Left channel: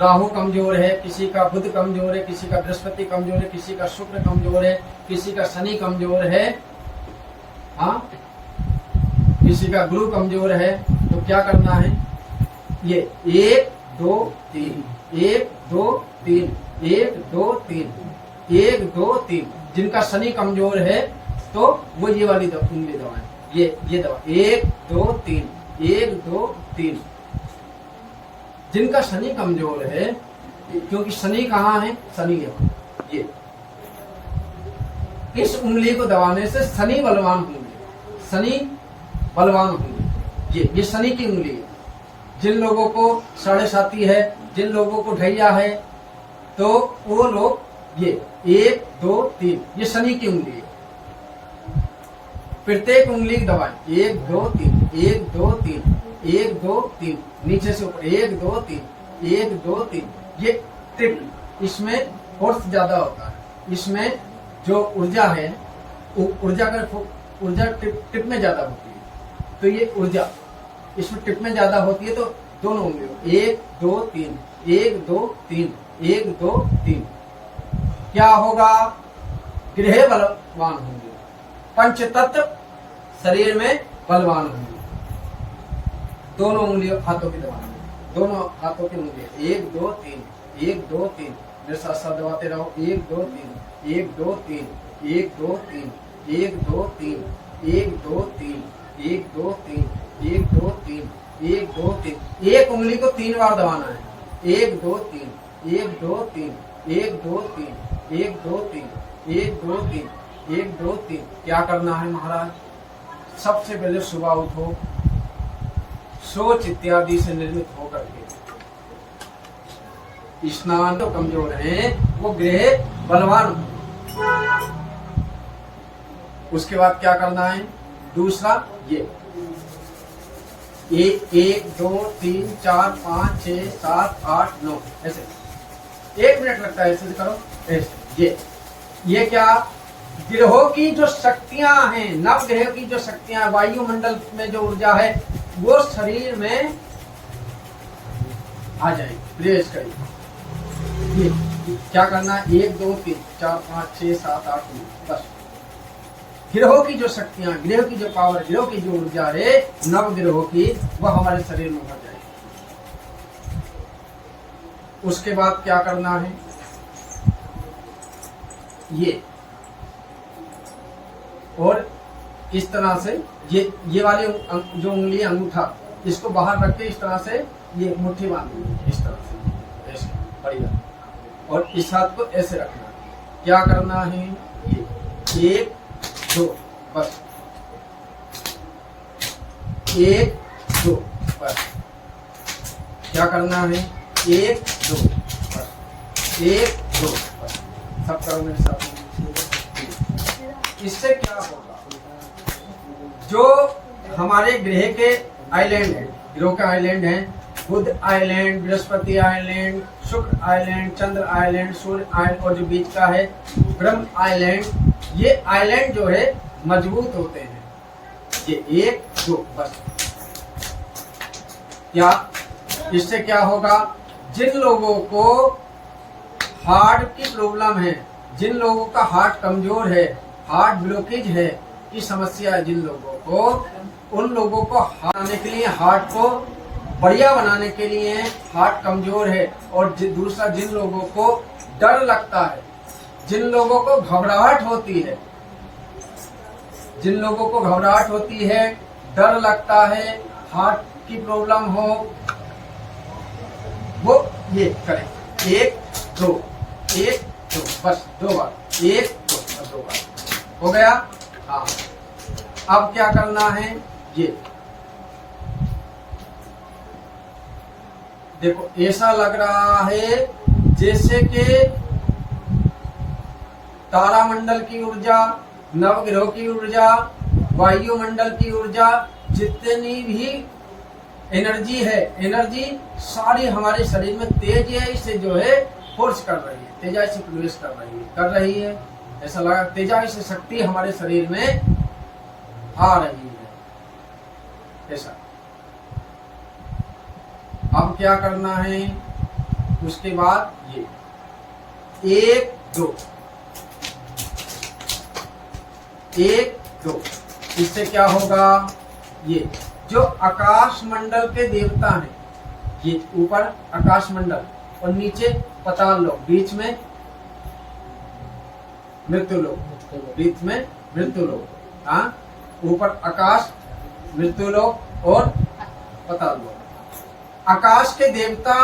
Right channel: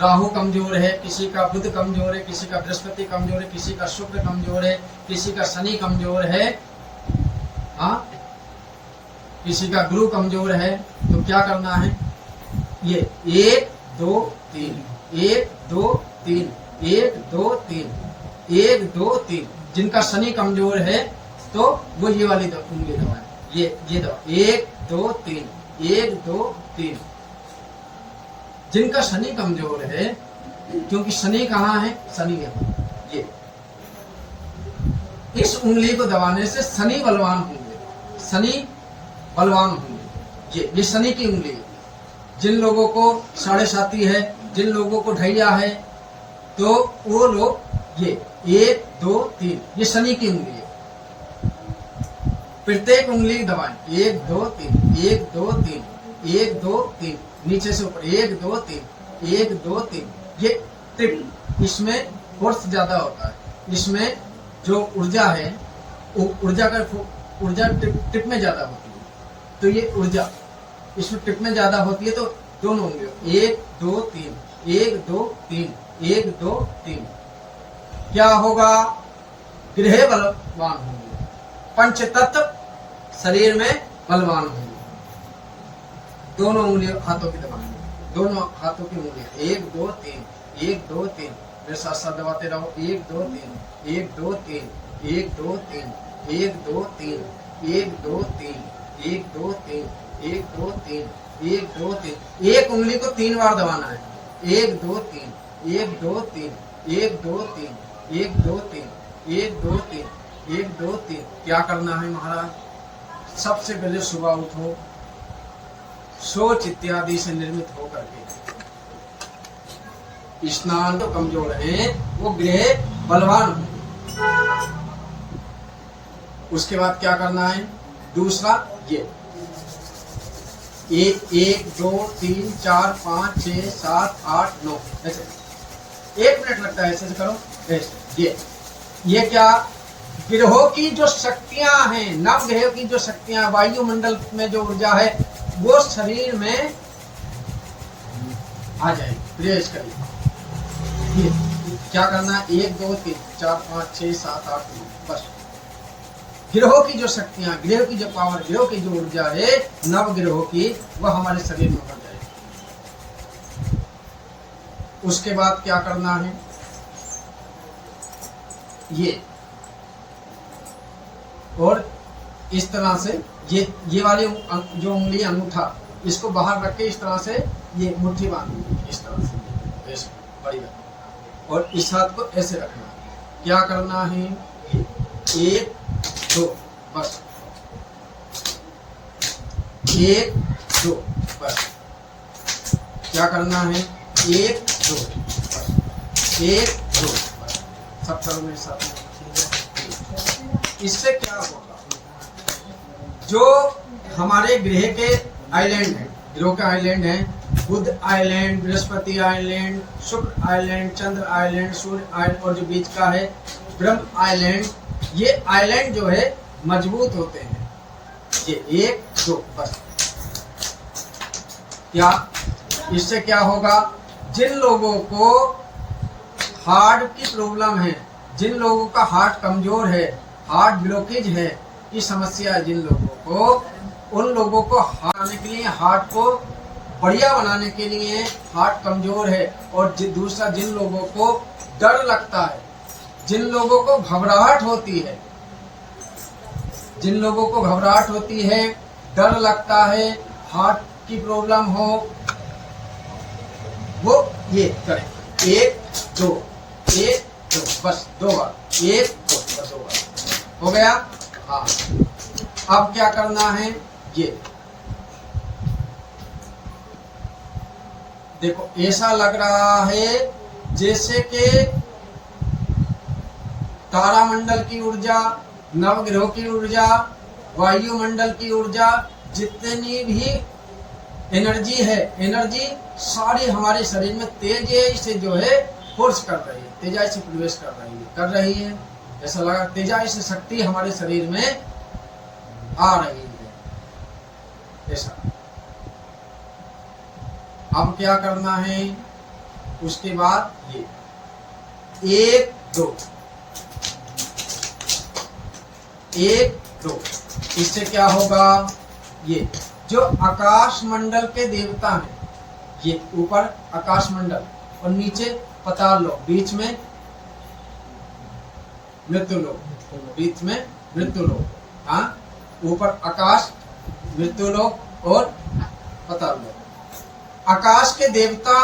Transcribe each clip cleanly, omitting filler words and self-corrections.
राहु कमजोर है, किसी का बुध कमजोर है, किसी का बृहस्पति कमजोर है, किसी का शुक्र कमजोर है, किसी का शनि कमजोर है, हाँ, किसी का गुरु कमजोर है, तो क्या करना है? ये 1 2 3 1 2 3 1 2 3 1 2 3। जिनका शनि कमजोर है तो वो ये वाली उंगली दबाएं, ये दबा 1 2 3 1 2 3। जिनका शनि कमजोर है, क्योंकि शनि कहाँ है? शनि यहाँ, ये इस उंगली को दबाने से शनि बलवान होंगे, शनि बलवान होंगे। ये शनि की उंगली है। जिन लोगों को साढ़े साती है, जिन लोगों को ढैया है, तो वो लोग ये 1 2 3 ये शनि की उंगली है। प्रत्येक उंगली दबाएं 1 2 3 1 2 3 1 2 3 नीचे से ऊपर 1 2 3 1 2 3। ये टिप, इसमें फोर्स ज्यादा होता है, इसमें जो ऊर्जा है ऊर्जा टिप में ज्यादा होती है। तो ये ऊर्जा इसमें टिप में ज्यादा होती है, तो दोनों होंगे 1 2 3 1 2 3 1 2 3। क्या होगा? गृह बलवान होंगे, पंच तत्व शरीर में बलवान होंगे। दोनों उंगलियों हाथों की दबाना, दोनों हाथों की उंगलियां 1 2 3 1 2 3 मेरे साथ साथ दबाते रहो 1 2 3 1 2 3 1 2 3 1 2 3 1 2 3 1 2 3 1 2 3 1 2 3। एक उंगली को 3 बार दबाना है 1 2 3 1 2 3 1 2 3 1 2 3 1 2 3 1 2 3। क्या करना है महाराज? सबसे पहले सुबह उठो, सोच इत्यादि से निर्मित होकर के स्नान तो कमजोर है, वो गृह बलवान हो। उसके बाद क्या करना है? दूसरा ये 1 2 3 4 5 6 7 8 9 ऐसे 1 मिनट लगता है, ऐसे करो ऐसे। ये क्या? ग्रहों की जो शक्तियां हैं, नव ग्रहों की जो शक्तियां, वायुमंडल में जो ऊर्जा है वो शरीर में आ जाए, प्रवेश करेगी। ये क्या करना है? 1 2 3 4 5 6 7 8 9 बस। ग्रहों की जो शक्तियां, ग्रहों की जो पावर, ग्रहों की जो ऊर्जा है नव ग्रहों की, वह हमारे शरीर में भर जाएगी। उसके बाद क्या करना है? ये और इस तरह से ये वाली जो उंगली अंगूठा, इसको बाहर रख के इस तरह से ये मुट्ठी बांधनी, इस तरह से ऐसे बड़ी, और इस हाथ को ऐसे रखना है। क्या करना है? 1 2 बस, 1 2 बस। क्या करना है? 1 2 बस, 1 2 बस। सब करो मेरे साथ। इससे क्या होगा? जो हमारे ग्रह के आइलैंड हैं, ग्रहों के आइलैंड हैं, बुध आइलैंड, बृहस्पति आइलैंड, शुक्र आइलैंड, चंद्र आइलैंड, सूर्य आइलैंड, और जो बीच का है ब्रह्म आइलैंड, ये आइलैंड जो है मजबूत होते हैं। ये 1 2 बस। क्या इससे क्या होगा? जिन लोगों को हार्ट की प्रॉब्लम है, जिन लोगों का हार्ट कमजोर है, हार्ट ब्लॉकेज है की समस्या है, जिन लोगों को, उन लोगों को बनाने के लिए, हार्ट को बढ़िया बनाने के लिए, हार्ट कमजोर है, और दूसरा जिन लोगों को डर लगता है, जिन लोगों को घबराहट होती है, जिन लोगों को घबराहट होती है, डर लगता है, हार्ट की प्रॉब्लम हो, वो ये करें 1 2 1 2 बस 2 बार, 1 2 बस 2 बार हो गया। हाँ, अब क्या करना है? ये देखो, ऐसा लग रहा है जैसे कि तारामंडल की ऊर्जा, नवग्रहों की ऊर्जा, वायुमंडल की ऊर्जा, जितनी भी एनर्जी है, एनर्जी सारी हमारे शरीर में तेजी से जो है फोर्स कर रही है, तेजी से प्रवेश कर रही है। ऐसा लगा तेजी से शक्ति हमारे शरीर में आ रही है, ऐसा। अब क्या करना है? उसके बाद ये 1 2 1 2। इससे क्या होगा, ये जो आकाश मंडल के देवता हैं, ये ऊपर आकाश मंडल और नीचे पाताल लोक, बीच में मृत्यु लोक, बीच में मृत्यु लोक। हाँ, ऊपर आकाश, मृत्यु लोक और पाताल लोक। आकाश के देवता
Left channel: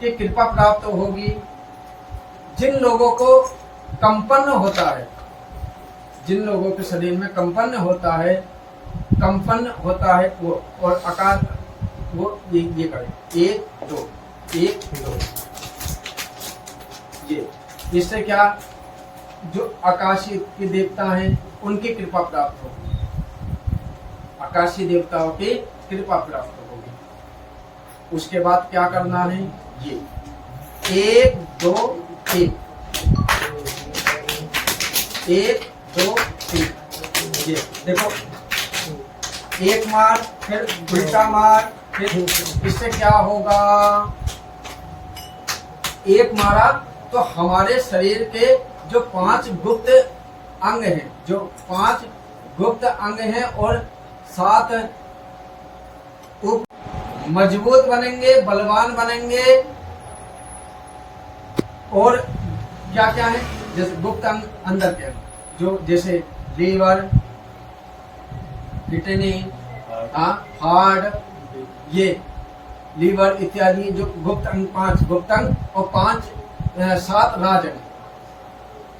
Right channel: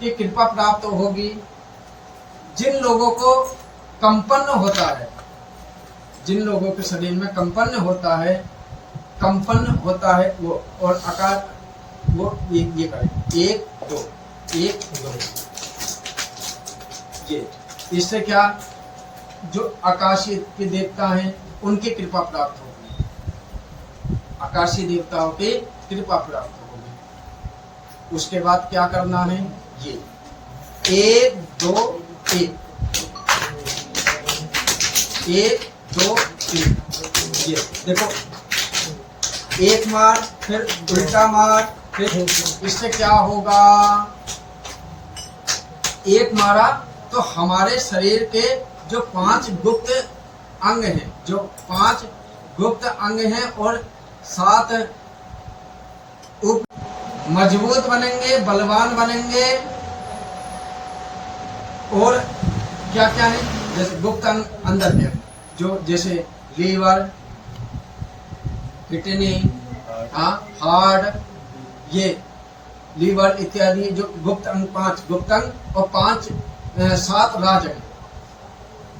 की कृपा प्राप्त होगी जिन लोगों को कंपन होता है, जिन लोगों के शरीर में कंपन होता है वो, और आकार वो ये करें 1 2 1 2। ये इससे क्या, जो आकाशीय के देवता हैं उनकी कृपा प्राप्त होगी, आकाशीय देवताओं की कृपा प्राप्त होगी। उसके बाद क्या करना है, ये 1 2 1 1 2 3। ये देखो, एक मार, फिर उल्टा मार, फिर इससे क्या होगा, एक मारा तो हमारे शरीर के जो 5 गुप्त अंग हैं, जो 5 गुप्त अंग हैं और 7 उप मजबूत बनेंगे, बलवान बनेंगे। और क्या क्या है, जैसे गुप्त अंग अंदर के, जो जैसे लीवर, किडनी, हार्ट, ये लीवर इत्यादि जो गुप्त अंग, 5 गुप्त अंग और 7 राजंग,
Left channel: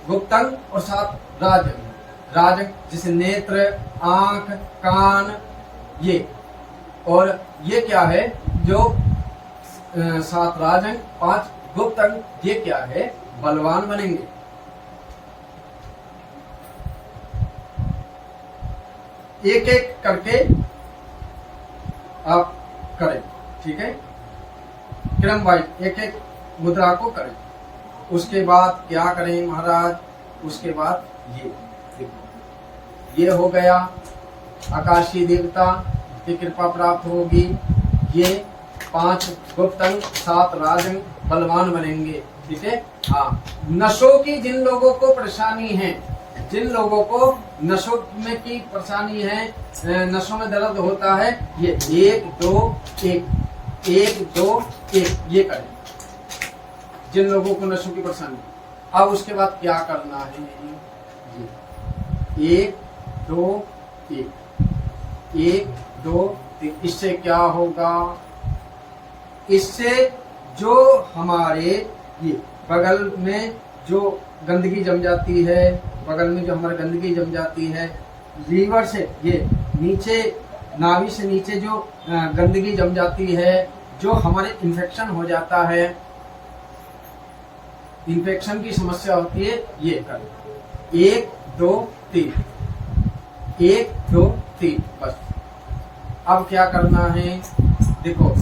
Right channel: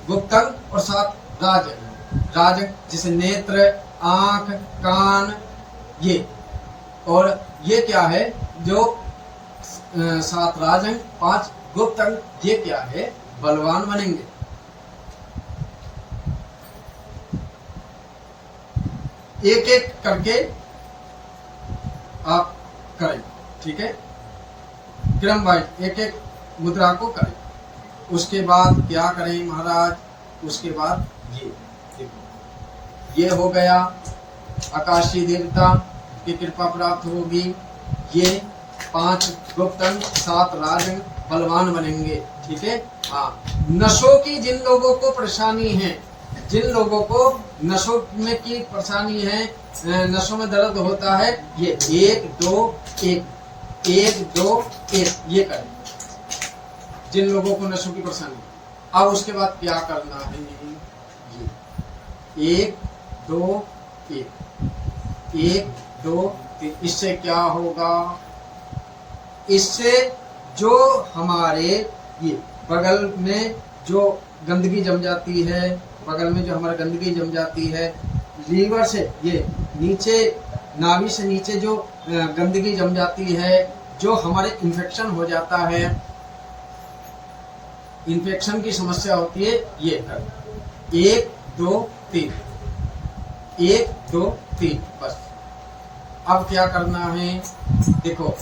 गुप्त अंग और 7 राजंग, जैसे नेत्र, आंख, कान, ये। और ये क्या है, जो 7 राजंग 5 गुप्त अंग, ये क्या है, बलवान बनेंगे। एक एक करके आप करें, ठीक है, क्रम वाइज एक एक मुद्रा को करें। उसके बाद क्या करें महाराज, उसके बाद ये देखो, ये हो गया, आकाशीय देवता की कृपा प्राप्त होगी, ये 5 गुप्त अंग 7 राजंग बलवान बनेंगे, ठीक है। हाँ, नशों की जिन लोगों को परेशानी है, जिन लोगों को नशों में की परेशानी है, नशों में दर्द होता है, ये 1 2 1 1 2 1 ये करें, जिन लोगों को नशों की परेशानी। अब उसके बाद क्या करना है, ये 1 2 1 1 2 3। इससे क्या होगा, इससे जो हमारे ये बगल में जो गंदगी जम जाती है, बगल में जो हमारा गंदगी जम जाती है, लीवर से ये नीचे, नाभि से नीचे जो गंदगी जम जाती है, जो हमारे इन्फेक्शन हो जाता है, इन्फेक्शन की समस्या होती है, ये कर 1 2 3 1 2 3 बस। अब क्या करना है, देखो,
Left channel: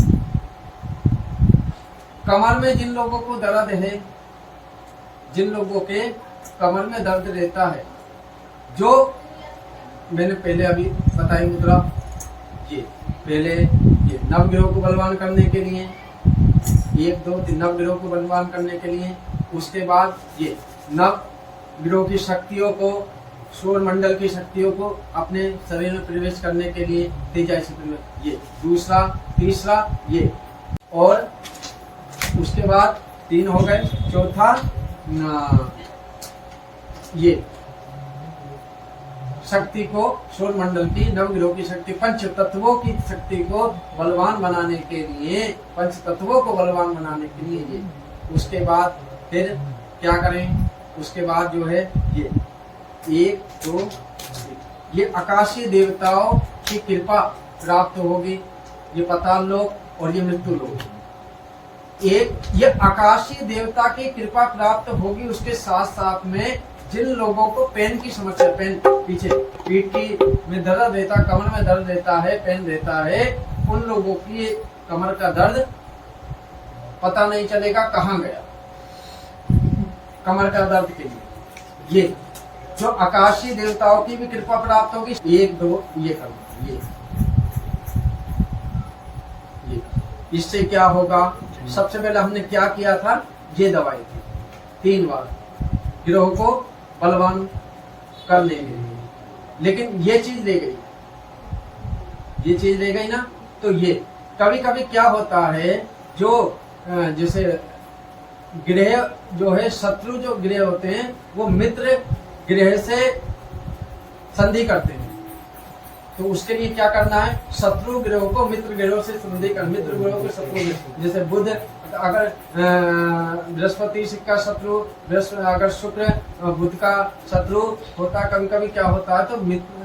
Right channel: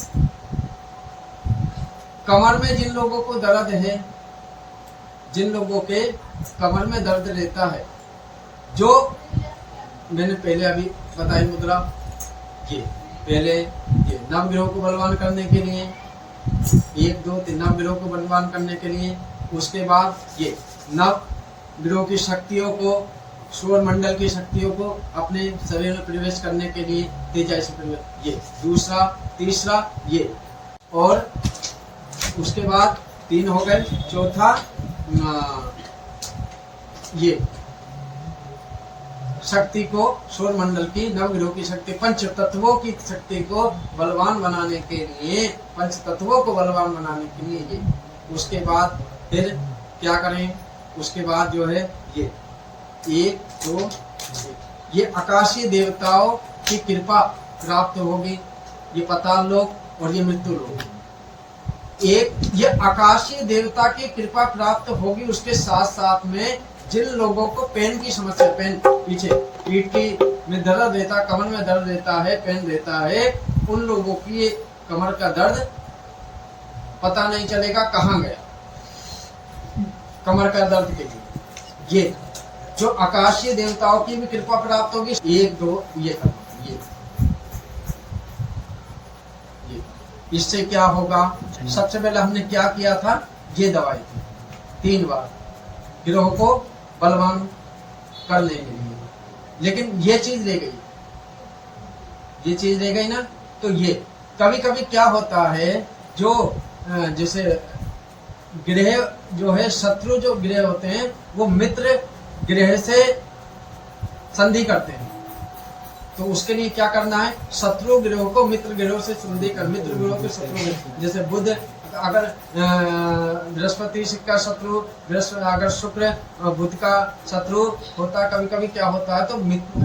कमर में जिन लोगों को दर्द है, जिन लोगों के कमर में दर्द रहता है, जो मैंने पहले अभी बताई मुद्रा, ये पहले ये नवग्रहों को बलवान करने के लिए, 1 2 3 नवग्रहों को बलवान करने के लिए। उसके बाद ये नवग्रहों की शक्तियों को, सौर मंडल की शक्तियों को अपने शरीर में प्रवेश करने के लिए तेजा से, ये दूसरा, तीसरा ये, और उसके बाद 3 हो गए, चौथा ये शक्ति को, सौर मंडल की, नवग्रहों की शक्ति, पंच तत्वों की शक्ति को बलवान बनाने के लिए, पंच तत्वों को बलवान बनाने के लिए ये। उसके बाद फिर क्या करें, उसके बाद जो है ये 1 2 ये आकाशीय देवताओं की कृपा प्राप्त होगी, ये पाताल लोक और ये मृत्यु लोक। एक ये आकाशीय देवता की कृपा प्राप्त होगी, उसके साथ साथ में जिन लोगों को पेन की समस्या, पेन पीछे पीठ की में दर्द रहता, कमर में दर्द रहता है, पेन रहता है, उन लोगों की कमर का दर्द पता नहीं चलेगा कहाँ गया, कमर का दर्द के लिए ये जो आकाशीय देवताओं की भी कृपा प्राप्त होगी। 1 2 ये करना, ये इससे क्या होगा? सबसे पहले हमने क्या किया था? ये दवाई थी 3 बार गिरोह को बलवान करने के लिए, लेकिन ये चीज ले गई, ये चीज ले गई ना। तो ये कभी कभी क्या होता है, जो जैसे ग्रह जो है, शत्रु जो ग्रह होते हैं वो मित्र ग्रह से संधि करते हैं। तो उसके लिए क्या करना है? शत्रु ग्रहों को मित्र ग्रहों से संधि कर, मित्र ग्रहों के शत्रु, जैसे बुध अगर बृहस्पति का शत्रु, अगर शुक्र बुध का शत्रु होता, कभी कभी क्या होता है, तो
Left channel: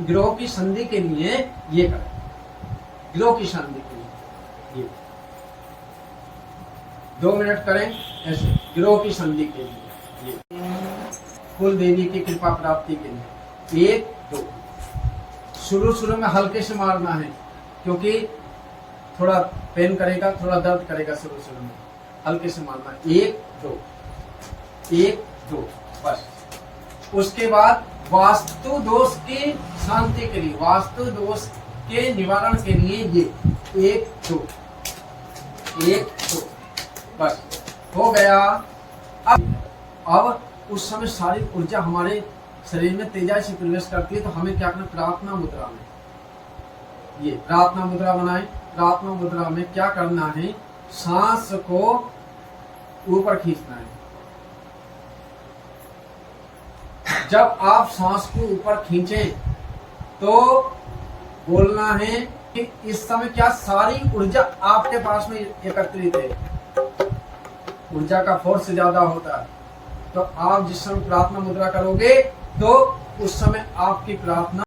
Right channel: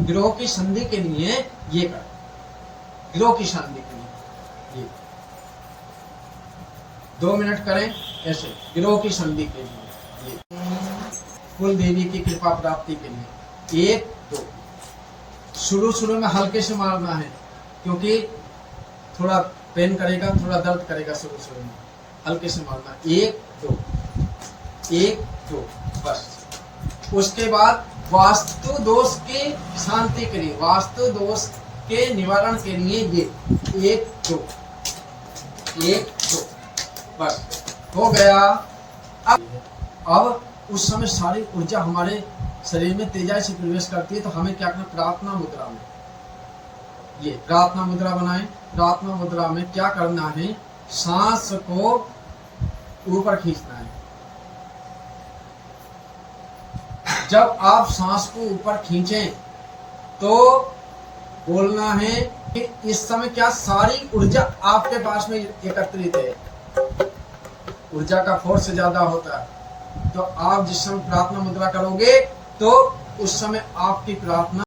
ग्रहों की संधि के लिए ये कर, ग्रहों की संधि के लिए ये 2 मिनट करें ऐसे, ग्रहों की संधि के लिए, ये कुल देवी की कृपा प्राप्ति के लिए। 1 2 शुरू में हल्के से मारना है, क्योंकि थोड़ा पेन करेगा, थोड़ा दर्द करेगा। शुरू में हल्के से मारना। 1 2 1 2 बस। उसके बाद वास्तु दोष की शांति के लिए, वास्तु दोष के निवारण के लिए ये 1 2 1 2 बस हो गया। अब उस समय सारी ऊर्जा हमारे शरीर में तेजाई से प्रवेश करती है, तो हमें क्या करना? प्रार्थना मुद्रा में, ये प्रार्थना मुद्रा बनाएं। प्रार्थना मुद्रा में क्या करना है? सांस को ऊपर खींचना है। जब आप सांस को ऊपर खींचें तो बोलना है कि इस समय क्या सारी ऊर्जा आपके पास में एकत्रित है, ऊर्जा का फोर्स ज्यादा होता है। तो आप जिस समय प्रार्थना मुद्रा करोगे तो उस समय आपकी प्रार्थना